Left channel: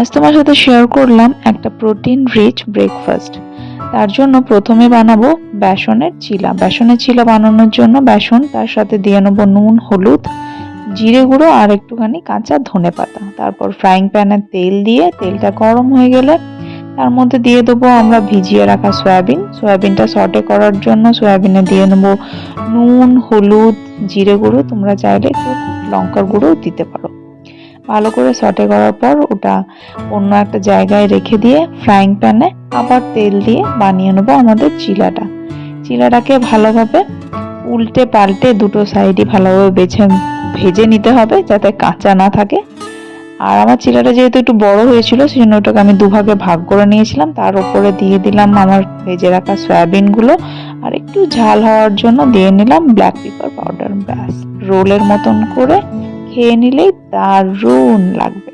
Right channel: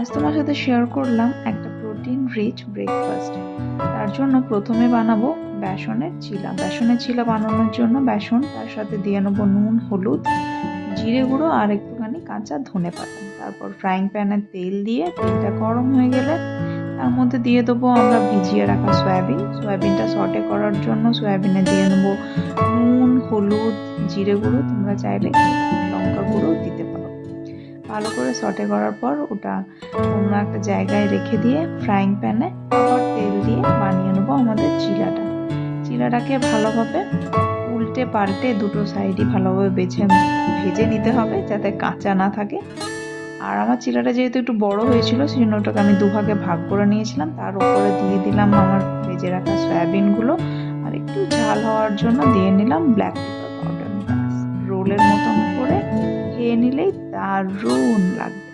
আজ তোমার সাথে শেয়ার করলাম একটা প্রোটিন রিচ ব্রেকফাস্ট। তার জন্য প্রথমে বানাবো বেসনের চিলা বানানোর জন্য বেসন, তার সাথে দিয়ে নেবো নুন, হলুদ, জিরে গুঁড়ো আর একটুখানি কাঁচা ধনে পাতা। তারপর ফ্রাইং প্যানে তেল দিয়ে তেলটা গরম হয়ে গেলে তার মধ্যে দিয়ে দেবো আমরা ভিজিয়ে রাখা সয়াবিনটা সটে করার জন্য সয়াবিনে দিয়ে নেবো নুন, হলুদ, জিরে গুঁড়ো, তোমরা চাইলে একটু লঙ্কার গুঁড়োও দিতে পারো। ভালো করে সটে করার পর ওটা অন্য একটা জায়গায় রেখে দিয়ে ফ্রাইং প্যানে আবার তেল দিয়ে বানিয়ে নেবো আমাদের চিলাটাকে ভালোভাবে উল্টে পাল্টে দুটো সাইডই ভালোভাবে ভেজে নিতে হবে যাতে কাঁচা না থাকে। আর আমার চিলাটা যেহেতু একটু বড় হয়েছিল সেজন্য ওটাকে আমি দুভাগে ভাগ করে নিয়েছিলাম। তার উপরে দিয়ে দিলাম আমার ভেজে রাখা সয়াবিনগুলো আর একটু ঝাল হওয়ার জন্য দিয়ে নিলাম ব্ল্যাক পেপার পাউডার। ব্যাস, রোলের মতন করে খেয়ে নিলেই দারুণ লাগবে।